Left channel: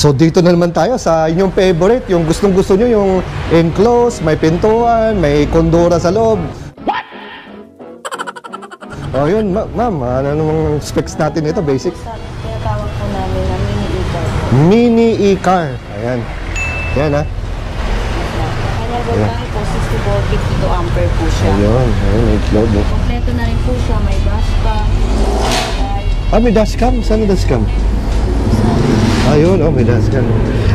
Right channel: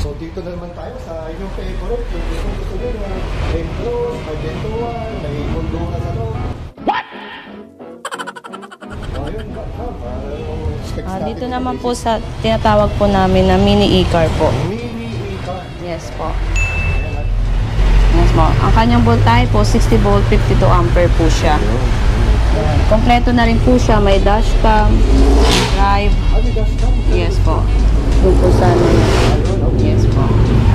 So dito na naman tayo sa inyong favorite, yung gustong-gusto nyo, yung enclosed, may pintuan, may kondora sa loob. What? Oh, yun, ma'am, ano nung specs natin ito, basic? Dito naman po sa tinatawag po namin na mini e-car po. Mini e-car. Yes Ayan. po. Yan, ha? Yes po. Ang kanyang voltage po, 60 volt, 52 ampere po siya. Ayan. Kompleto na rin po siya. May dashcam, drive. Ah, may dashcam? Saan yung dashcam? Ito po sa... Ayun, oh, may dashcam.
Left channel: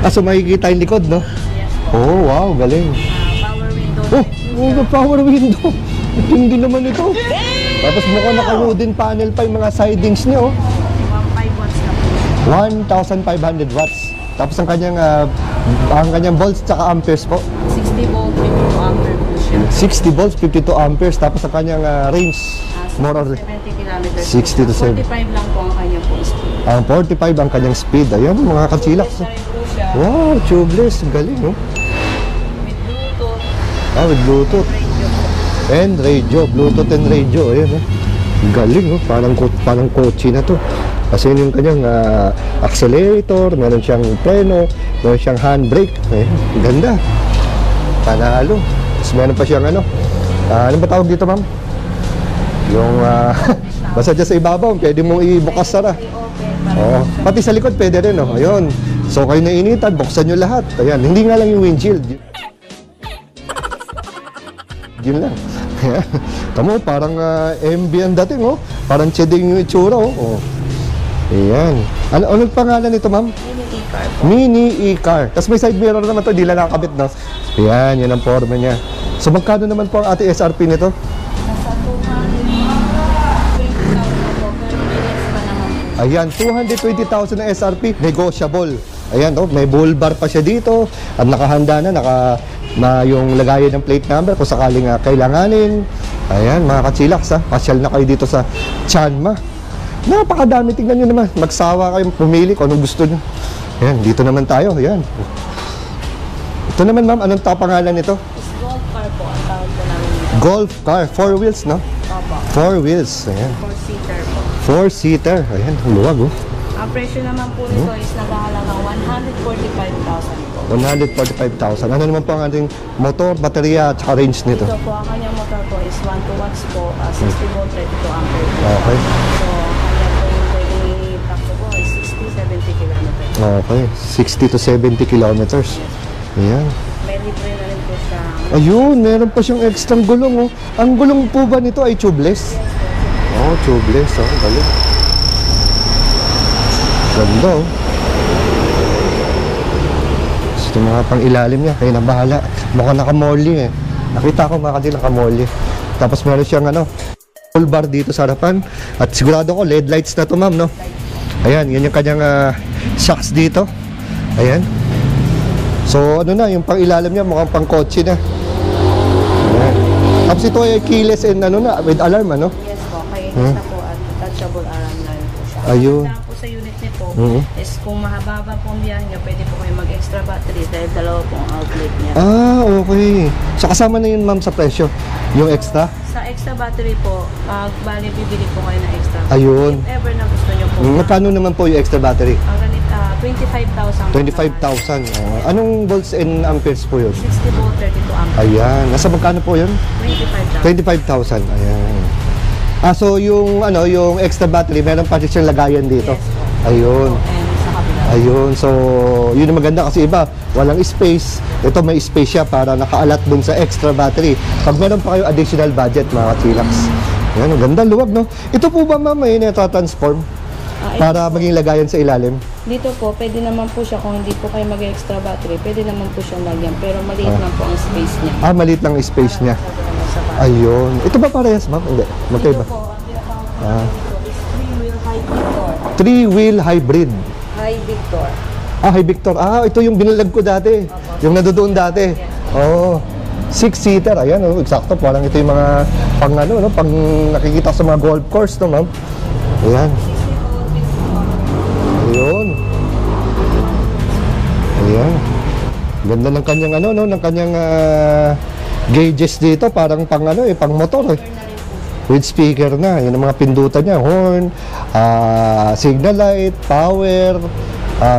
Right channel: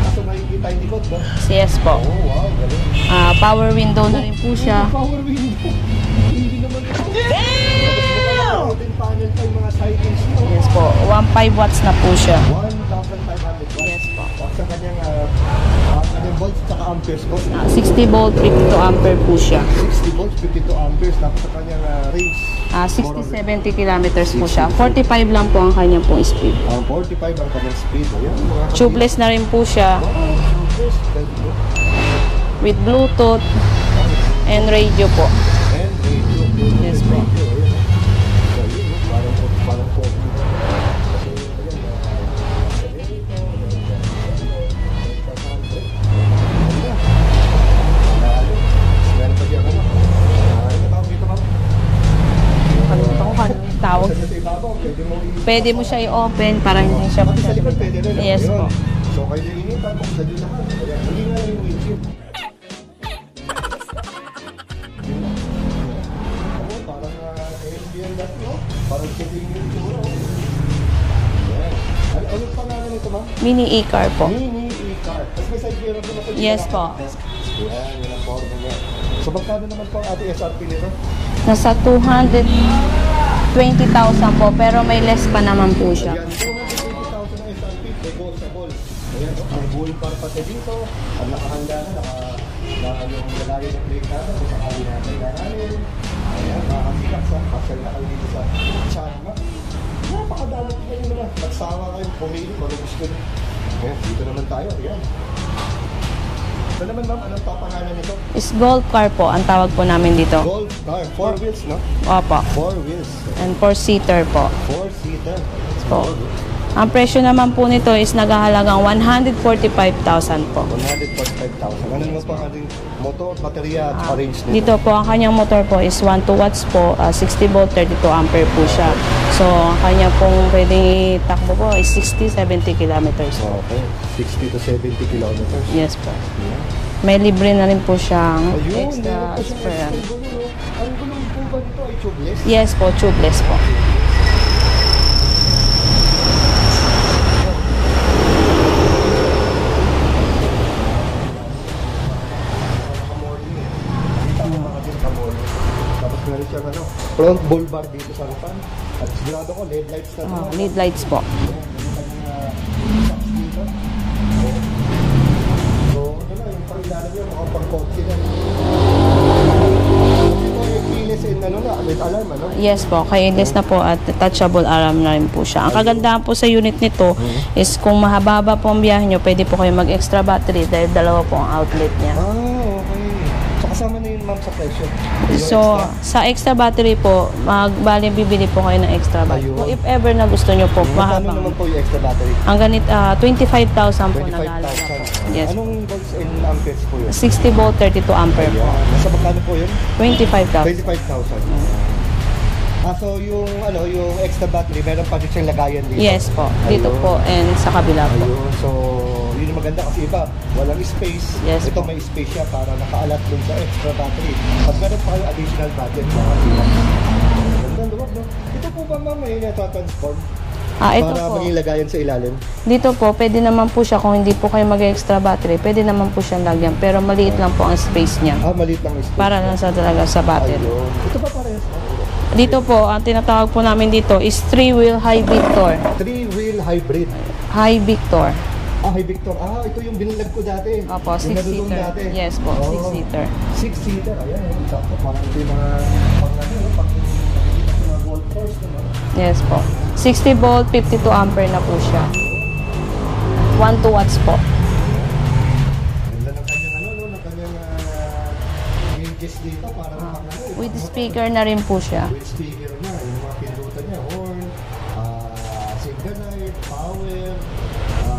Ah, so makikita yung likod, no? Yes po. Oh, wow, galing. Power window na rin po siya. Oh, power window. Hindi naman ito. Tapos mukhang naka-wooden panel pa yung mga sidings niyo. Yes po. 1.5 watts na po siya. 1,500 watts. Tapos ang kanyang volts tsaka amperes po. 60 volt, 52 ampere po siya. 60 volts, 52 amperes. Tapos ang kanyang range. 60-70 kilometers po 60 siya. to 45 lang po ang kanyang pong speed. 45 ang kanyang speed. Ayun, mga kasilak. Tubeless na rin po siya. Oh, tubeless. Galing, oh. With Bluetooth. With Bluetooth. And radio po. And radio. Bluetooth and radio. Ayun, oh. Galing, oh. Parang kotse na to. Kasi yun yung kanyang accelerator, meron siyang preno, meron siyang handbrake. Ganda. Panalo. Tapos meron pa siyang ano ba tawag dito, ma'am? Yung basta dyan sa ibabaw, pwede mong ibukas. Pwede mo siya i-open para hindi siya... Pati sa likod, pwede rin, no? Yes, Ayun. So kayo nainitan, buksan nyo lahat. Ayan, hindi nga lang yung windshield. Yun lang. Tamo, parang MB ang dating, oh. Parang cheding yung itsura, oh. Ayan. Anong pangalan nito, ma'am? Mini e-car po. Mini e-car. Tapos may side mirror naman to, di na nakakabit na. Ayan, yun ang forma niya. So magkano naman po ang ating SRP nito? Nasa 220,000 po, pero may less pa naman po siya. Ayan, 220,000 na SRP, negotiable. Ayan, oh, may bull bar pa siya dito. At nakahanda na yung lagayan ng plate number kung sakaling kailanganin. Ayan, mga kachilaks, pasyal na kayo dito sa Chanma. Napakadami, tingnan nyo naman. Magsawa kayo, pumili kung anong gusto nyo. Ayan, dito naman tayo. Ayan. Ito naman, ma'am, anong pangalan nito? Is Golf car po, ang tawag po namin dito. Golf car, 4 wheels, no? Opo. 4 wheels. Ayan. And 4-seater po. 4-seater. Ayan, luwag, oh. Ang presyo naman po nito is naghahalagang 145,000 po. 145,000. Ano naman po ang ating motor, baterya, at range nito? Dito po, ang kanyang motor po is 1 watts po, 60 volt, 32 ampere po siya. So, ang kanya pong pwedeng takbo po is 60-70 kilometers. Okay, 60 to 70 kilometers. Yes po. Ayan. May libre na rin po siyang Ayun, meron pa siyang extra gulong, oh. Ang gulong po ba nito ay tubeless? Yes po, tubeless po. Oh, tubeless. Oh, galing. Ganda, oh. Gusto nga pang ilalim niya, kaya na bahala. Mukhang nakamolye, eh. Nakita ko mga kadil nakamolye. Tapos meron siyang front bull bar dito sa harapan. At sigurado ko, LED lights na to, ma'am, no? LED lights po. Ayan, yan yung kanyang shocks dito. Ayan. So, yung pang ilalim niya, mukhang pang kotse na. Tapos ito ay keyless and with alarm, ano? Yes po, keyless na po at touchable alarm na rin po siya. Ang kagandahan po sa unit nito is kung mahaba po ang biyahe nyo, pwede po kayo mag-extra battery dahil dalawa po ang outlet niya. Ah, okay. So kasama na yun, ma'am, sa presyo? Yung extra? Sa extra battery po, bali bibili po kayo ng extra battery. Ayun. If ever na gusto nyo po. Magkano naman po yung extra battery? Ang ganit, 25,000 po. 25,000. Yes. Anong volts and amperes po yun? 60 volt, 32 ampere. Ayan. Nasa magkano po yun? 25,000. 25,000. Ayan. So yung extra battery, meron pa rin siyang lagayan dito? Yes po. Dito po and sa kabila po. Ayun. So, yun ang maganda kasi iba, walang space. Yes. Ito may space siya para nakaalat dun sa extra battery. Pag meron pa kayo additional budget, mga Chillax. Ayan, ang ganda, luwag, no? Ito po ba, ma'am, may transform Ito para po, maging lagayan sa ilalim? dito po, pwede naman po siya, kung hindi po kayo mag-extra battery, pwede naman po siyang lagyan. Pero maliit lang po ang space niya. Maliit lang ang space Para niya. nasa talaga sa battery. Ayun. Ito ba parehas, ma'am? Hindi. Dito po, ang tinatawag po namin dito is 3-wheel High Victor. 3-wheel hybrid. High Victor. Hi Victor. Ito yung binalag ko dati. Opo, yung nadodoon 6-seater. dati. Yes po, Oh, 6-seater. 6-seater. Ayan, eksakto. Parang ito yung mga pang nakikita sa mga golf course, no, ma'am? Yes po. Ayan. 60 volt, 52 ampere na po siya. Ayun. 1-2 watts po. Ayan. Ganda ng kanyang ng kanyang gauges dito, parang pang ano pang motor. Speaker na rin po siya. With speaker na, yun ang mga pindutan niya, horn, signal light, power,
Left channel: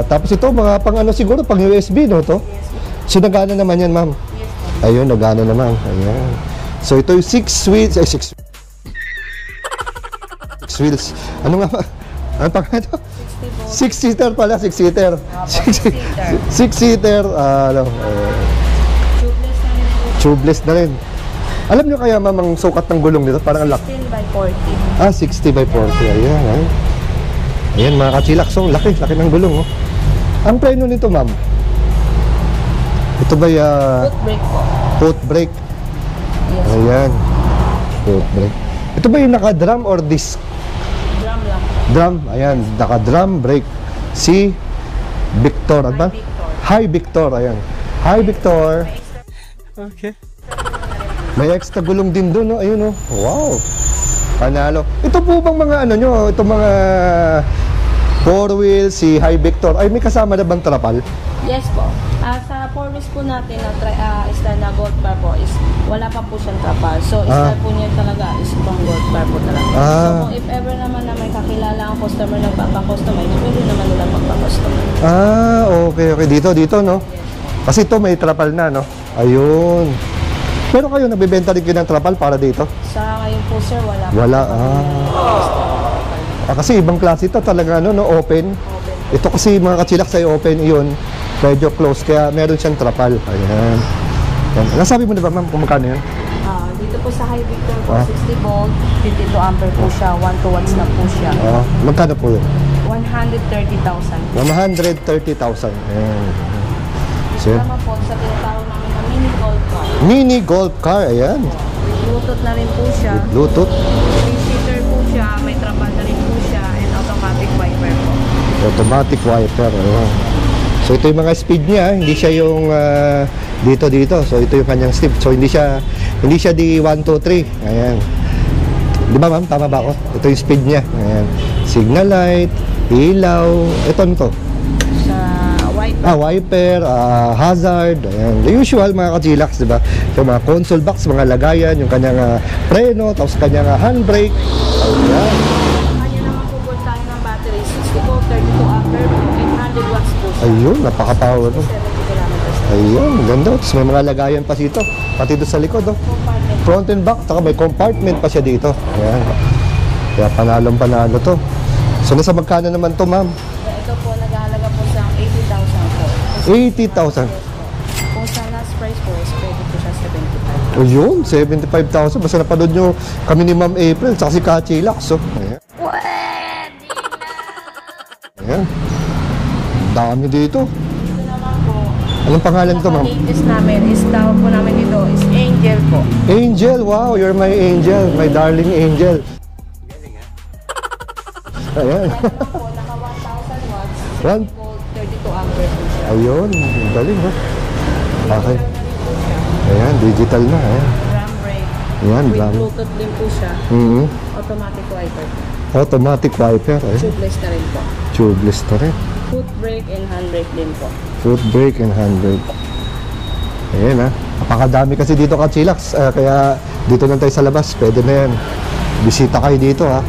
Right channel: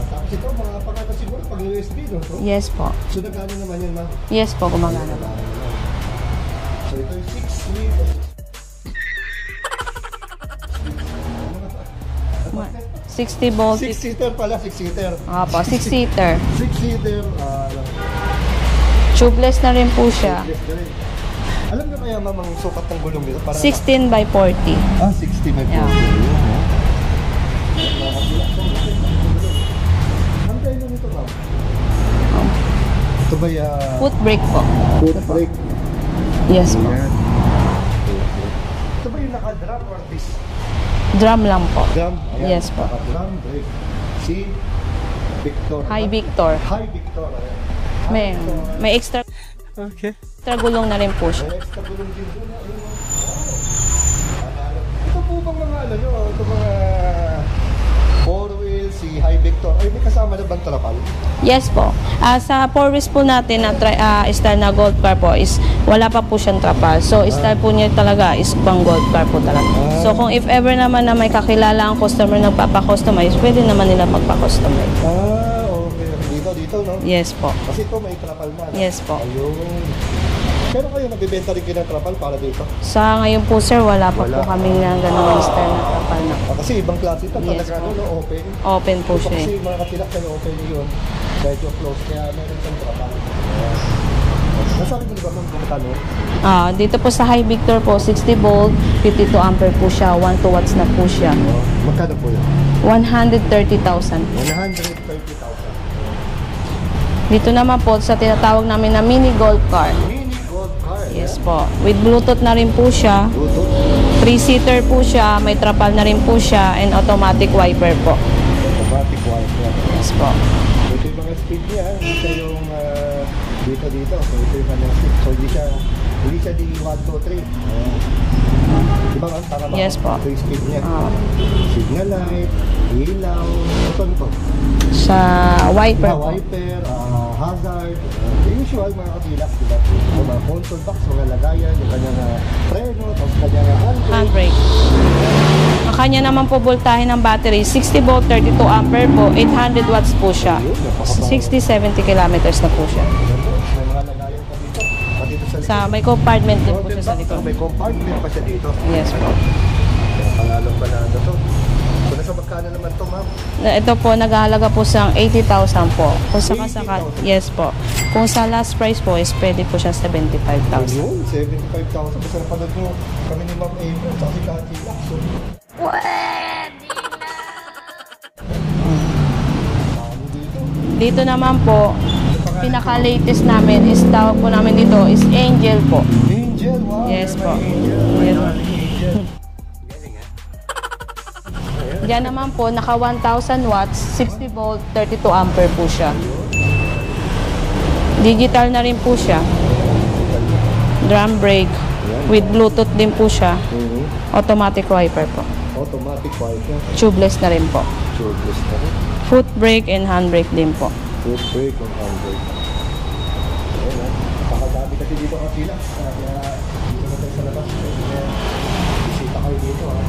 tapos ito mga pang ano siguro, pang USB, no to? Yes po. So nagana naman yan, ma'am? Yes po. Ayun, nagana naman. Ayun. So ito yung 6 wheels. Ano nga ba? Ano pa nga ito? 60 volts. 6-seater pala, 6-seater. Opo, 6-seater. 6-seater, Tubeless na rin po siya. tubeless na rin. Alam niyo kaya ma'am ang sukat ng gulong nito? Parang 16 by 40. 60 by 40. Ayan, Ayan mga kachilak. So, laki ng gulong. Oh. Ang preno nito ma'am? Ito ba Foot brake po. foot brake? Yes po. Ayan. Foot brake. Ito ba yung naka-drum or disc? Drum lang po. Drum. Ayan. Yes po. Naka-drum brake. Si Victor. Hi Victor. Hi Victor. Ayan. Hi Then, Victor. May extra gulong na rin po siya. May extra gulong din doon, no? Ayun, no? Wow! Panalo. Ito po bang mga ano nyo? Ito mga 4-wheel, si Hi Victor. Ay, may kasama na bang trapal? Yes po. Sa 4 wheels po natin na style na gold car po is wala pa po siyang trapal. So, style po niya talaga is pang gold car po talaga. So, kung if ever naman na may kakilala ang customer na papakustomize, pwede naman nila magpakustomize. Okay. Dito, no? Yes po. Kasi ito may trapal na, no? Yes po. Ayun. Pero kayo, nabibenta rin kayo ng trapal para dito? Sa ngayon po, sir, wala po kami na ganun style na trapal na. Kasi ibang klase ito talaga, no? Open. Open po Ito siya. kasi mga kachilak sa open yun. Medyo close, kaya meron siyang trapal. Ayun. Nasabi mo na ba, ma'am, kung magkano yan? Dito po sa Hi Victor po, 60 volt, 52 ampere po siya, 1 to watts na po siya. Magkano po yun? 130,000. 130,000. Dito naman po sa tinatawag namin na mini gold car. Mini golf car, ayan. Po. With Bluetooth na rin po siya. Bluetooth. 3-seater po siya, may trapal na rin po siya, and automatic wiper po. Automatic wiper. Ayan. Po. So ito yung mga speed niya, hindi siya yung dito. So ito yung kanyang step. So hindi siya di 1, 2, 3. Ayan. Di ba ma'am? Tama ba Yes ako? po. Ito yung speed niya. Ayan. Signal light, ilaw, ito nito. Sa wiper. Wiper, hazard, ayan. The usual mga kachilaks, di ba? Yung mga console box, mga lagayan, yung kanyang preno, tapos kanyang handbrake. Ayan. Ang kanya naman po voltahe ng battery, 60 volt, 32 ampere po, 800 watts po siya. Ayun, napaka-power. 60-70 kilometers na po. Ayan, ganda. Tapos may mga lagayan pa dito. Pati doon sa likod. Sa may compartment po. Front and back, saka may compartment pa siya dito. Yes Ayan. po. Kaya panalo to. So nasa magkano naman to, ma'am? Ito po, naghahalaga po sa 80,000 po. Kung sa 80,000? Yes po. Kung sa last price po is pwede po siya 75,000. Ayun, 75,000. Basta napanood nyo kami ni Ma'am April, saka si Kachilak. So, ayan. Ayan. Dami dito. Dito naman po, Anong pangalan ko, ma'am? pinaka-latest namin is tawag po namin dito is Angel po. Angel, wow, Yes, you're my po. angel, my Yes. darling angel. Ayan. Yan naman po, naka 1,000 watts, 60 Yan. volt, 32 ampere po siya. Ayun, galing mo. Digital na rin po siya. Ayan, digital na. Ayan. Drum brake. Yan, With drum. Bluetooth din po siya. Mhm. Automatic wiper po. Automatic wiper. Ayan. Tubeless na rin po. Tubeless na rin. Foot brake and handbrake din po. Foot brake and handbrake. Ayan ha. Napakadami kasi dito Kachilaks. Kaya dito lang tayo sa labas. Pwede na yan. Bisita kayo dito ha.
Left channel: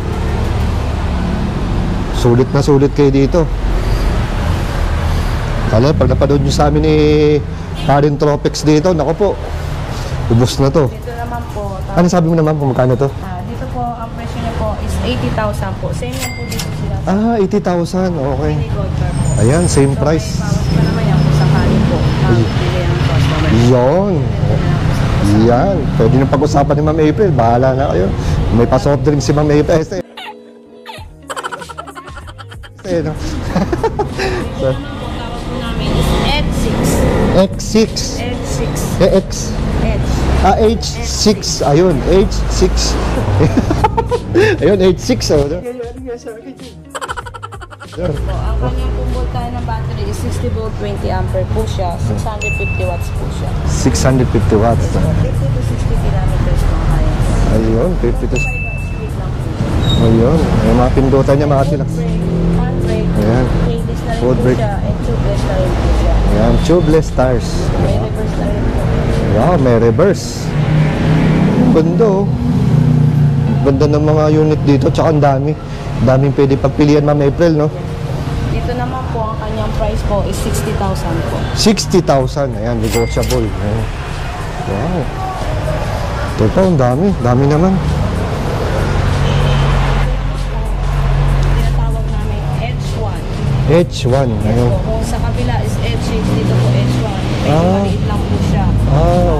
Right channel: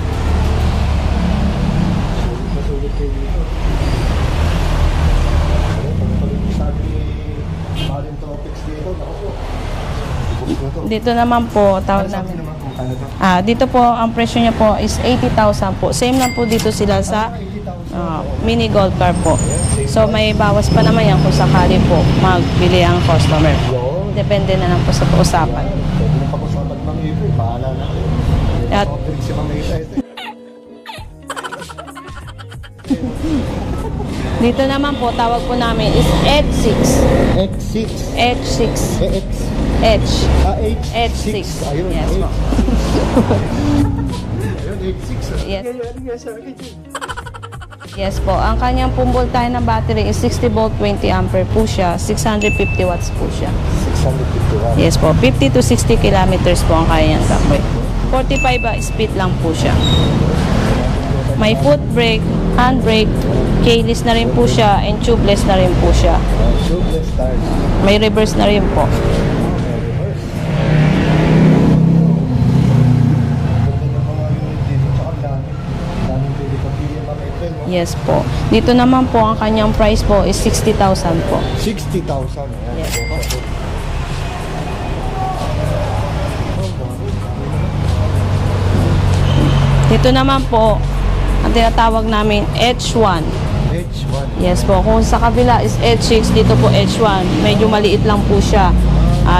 Sulit na sulit kayo dito. Kala, pag napanood nyo sa amin ni Karen Tropex dito, naku po. Ubus na to. Dito naman po, Ano sabi mo naman kung magkano to? dito po, ang presyo niya po is 80,000 po. Same lang po dito sila sa 80,000. Okay. mini gold car po. Ayan, same So price. may bawas pa naman yan kung sakali po magbili ang customer. Yun. Depende na lang po sa usapan. Yan. Pwede nang pag-usapan ni Ma'am April. Bahala na kayo. May pa-soft drink si Ma'am April. No? Dito naman po, tawag po namin is X6. X6. X6. X. H. H6. H6. Ayun, Yes. H6. Ayun, H6. Yes. Yes po. Ang kanyang pong voltahe ng battery is 60 volt, 20 ampere po siya. 650 watts po siya. 650 watts. Yes po. 50 to 60 kilometers po ang kaya niyang takbo. Ayun, 45 speed lang po siya. Ayun, may mga pindutan niya. May mga foot brake, hand brake, Ayan. keyless na rin Foot po brake. siya, and tubeless na rin po siya. Ayan, tubeless tires. May reverse na rin po. Wow, may reverse. Ganda oh. Ganda ng mga unit dito, tsaka ang dami. Daming pwede pagpilian, Ma'am April, no? Yes po. Dito naman po, ang kanyang price po is 60,000 po. 60,000. Ayan, negotiable. Ayan. Wow. Ito, ang dami. Dami naman. Dito naman po, ang tinatawag namin H1. H1. Yes Ayan. po. Kung sa kabila is H6, dito po H1. Medyo maliit lang po siya.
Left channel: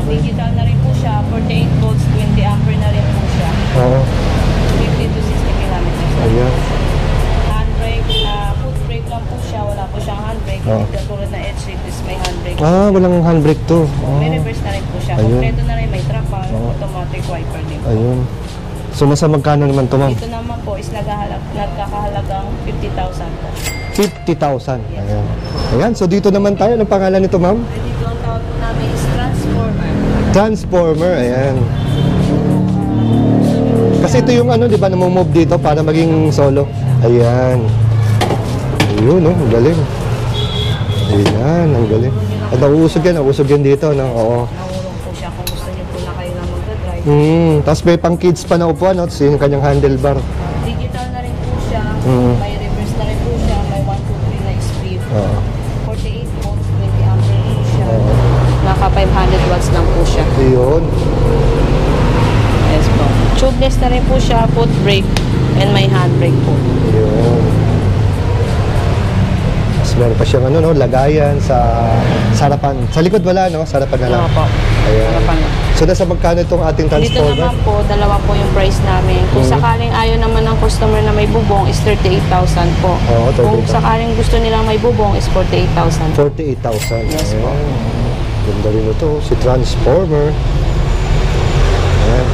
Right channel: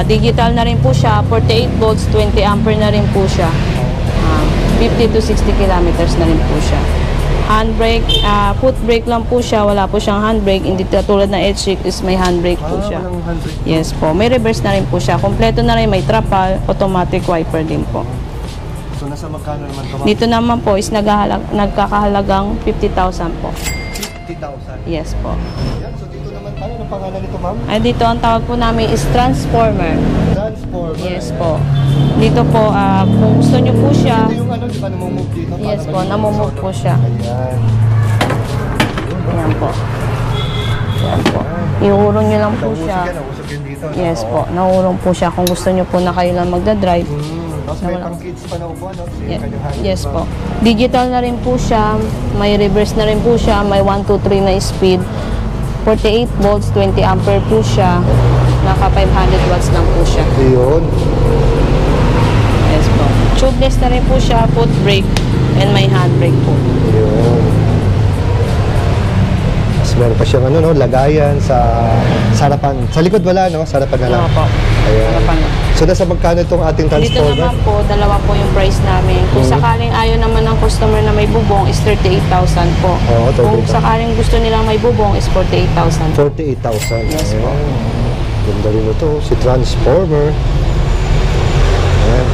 Digital na rin po siya. 48 volts, 20 ampere na rin po siya. Oo. 50 to 60 kilometers na rin po siya. Handbrake, foot brake lang po siya. Wala po siyang handbrake. Hindi katulad ng H6 is may handbrake po siya. Walang handbrake to. Yes po. May reverse na rin po siya. Kompleto na rin. May trapal, automatic wiper din po. Ayun. So, nasa magkano naman to, Ma'am? Dito naman po is nagkakahalagang 50,000 po. 50,000. Yes Ayan. po. Ayan, so dito naman tayo. Anong pangalan nito, Ma'am? Ay, dito ang tawag po namin is transformer. Transformer. Yes po. Ayan. Dito po, kung gusto nyo po siya. Kasi ito yung ano, di ba, namumove dito para Yes po, maging namumove solo. po siya. Ayan. Ayun, no? Ang galing. Ayan. Iurong nyo lang Ito, po usog siya. yan. Usog yan dito. No? Yes po, naurong po siya kung gusto nyo po na kayo lang magdadrive. Tapos may pang kids pa na upuan, no? So, yung kanyang Yes handlebar. po. Digital na rin po siya, may reverse na rin po siya, may 1, 2, 3 na speed. 48 volts, 20 ampere po siya. Naka 500 watts lang po siya. Ayun. Yes po. Tubeless na rin po siya, foot brake, and may handbrake po. Ayun. Tapos meron pa siyang ano, no? Lagayan sa harapan. Sa likod wala, no? Sa harapan na lang. Ano po? Ayan. Harapan na. So, nasa magkano itong ating Dito transformer? naman po, dalawa po yung price namin. Kung sakaling ayaw naman ng customer na may bubong is 38,000 po. Oo, 38,000. Kung sakaling gusto nilang may bubong is 48,000. 48,000. Yes po. Ayan. Ganda rin ito. Si Transformer. Ayan.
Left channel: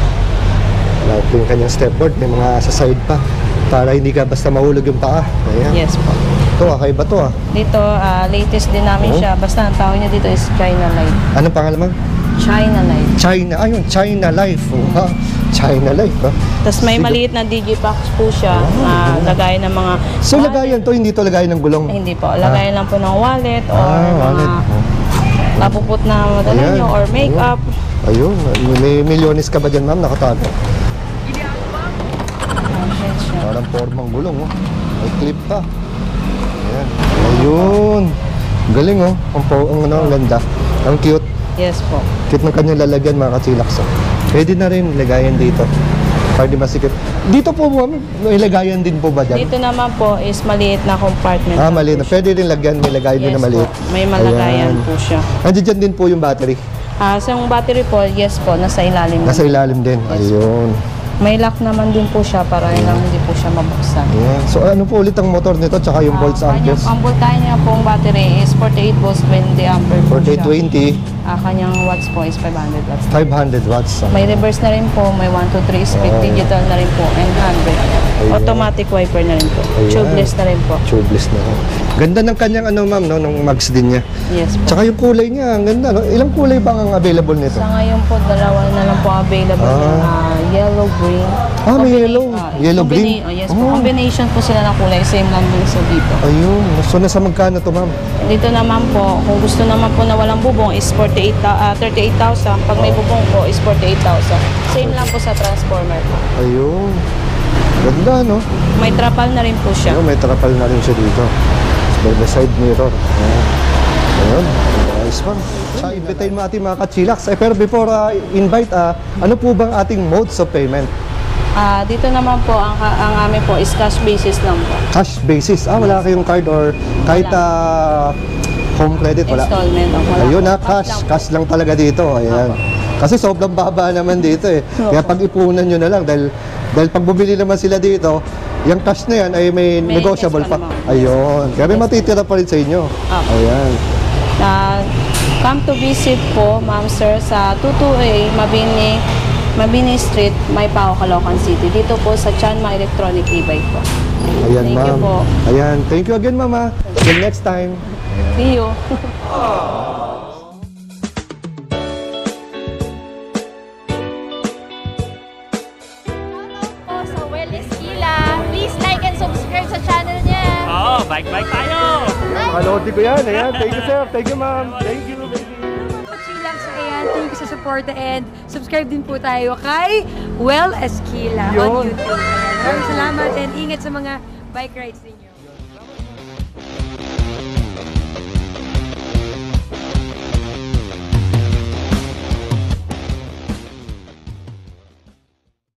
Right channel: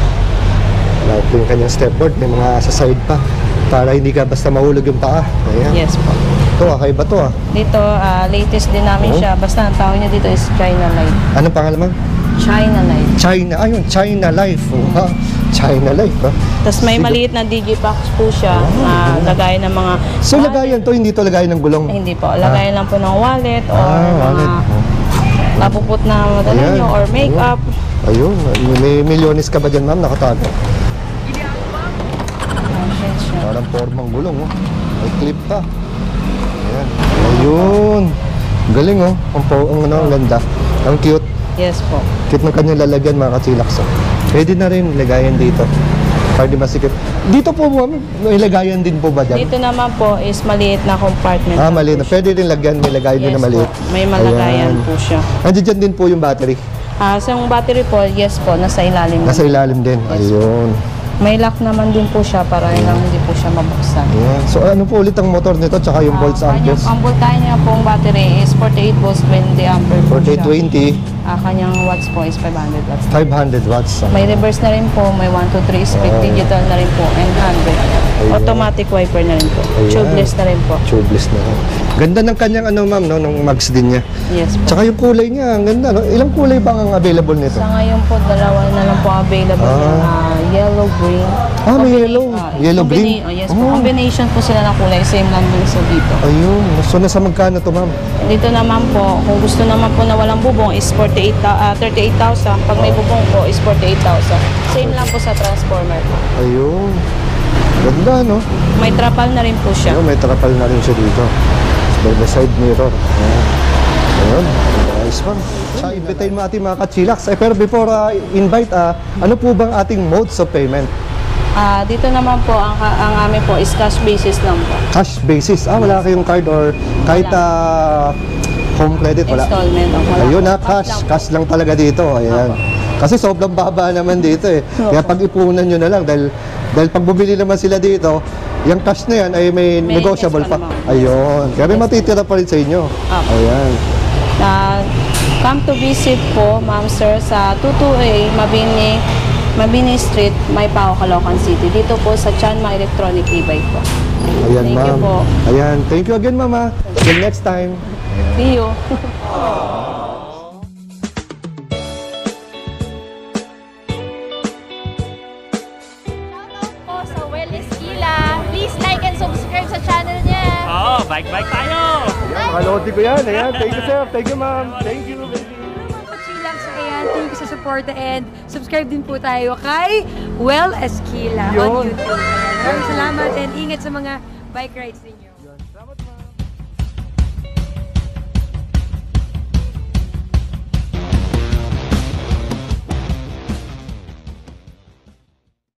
Wala po yung kanyang stepboard. May mga sa side pa. Para hindi ka basta mahulog yung paa. Ayan. Yes po. Ito, kakaiba to ah. Dito, latest din namin siya. Basta ang tawag niya dito is China Life. Anong pangalan mo? China Life. China. Ayun, China Life. Oh, China Life. Ha? Tapos may maliit na digipack po siya na lagayan ng mga... So, lagayan to, hindi to lagayan ng gulong. Ay, hindi po. Lagayan lang po ng wallet or wallet. mga napuput na madala Ayan. nyo or makeup. Ayun, may milyones ka ba dyan, ma'am? Nakatago. Parang formang gulong, oh. May clip pa. Ayan. Ayun. Galing, oh. Ang ganda. Ang cute. Yes po. Cute ng kanyang lalagyan, mga kachilax. Oh. Pwede na rin lagayan dito. Para di masikip. Dito po, ma'am, may lagayan din po ba dyan? Dito naman po is maliit na compartment. Maliit na. Pwede rin lagyan. May lagayan din Yes na maliit. po. May malagayan Ayan. po siya. Andiyan dyan din po yung battery. Sa yung battery po, yes po, nasa ilalim. Nasa ilalim din. Yes. Ayun. May lock naman din po siya para lang hindi po siya mabuksan. Ayan. So ano po ulit ang motor nito tsaka yung volts amperes? Ang voltahe niya pong battery is 48 volts, 20 ampere po siya. 4820, Kanyang watts po is 500 watts. 500 watts. May reverse na rin po, may 1, 2, 3 speed, digital na rin po, and handbrake. Automatic wiper na rin po. Ayan. Tubeless na rin po. Tubeless na. Ganda ng kanyang ano ma'am, no, ng mags din niya. Yes po. Tsaka yung kulay niya, ang ganda. No? Ilang kulay ba ang available nito? Sa ngayon po, dalawa na lang po available. Yellow, green. May yellow. Yellow, green. Yes po. Combination po sila ng kulay. Same lang din sa dito. Ayun. So nasa magkano to ma'am? Dito naman po, kung gusto naman po na walang bubong is 38,000. Pag may bubong po is 48,000. Same lang po sa transformer po. Ayun. Ganda, no? May trapal na rin po siya. Ayun, may trapal na rin siya dito. By the side mirror. Ayan. Ayun. Nice one. So, invitayin mo ating mga kachilax. Pero before invite, ano po bang ating modes of payment? Dito naman po, ang amin po is cash basis lang po. Cash basis. Wala kayong card or kahit home credit, wala. Installment. Wala Ayun po. cash lang talaga dito. Ayan. Kasi sobrang baba naman dito eh. Kaya pag-ipunan nyo na lang dahil pag bumili naman sila dito, yung cash na yan ay may negotiable pa. discount naman. Ayun. Kaya may matitira pa rin sa inyo. Ayan. Come to visit po, ma'am sir, sa 22A Mabini Mabini Street, Maypao, Caloocan City. Dito po sa Chanma Electronic e-bike po. Ayan, Thank you ma'am. po. Ayan, thank you again, mama. Till next time. See you. Shoutout po sa Well Esquila. Please like and subscribe sa channel niya. Oo, bike-bike tayo! Makalodi ko yan. Ayan, thank you, sir. Thank you, ma'am. Thank you, baby. Mga kachillax, ayan, thank you sa support and subscribe din po tayo kay Well Esquila on Yun. YouTube. Ayan, maraming salamat and ingat sa mga bike rides ninyo.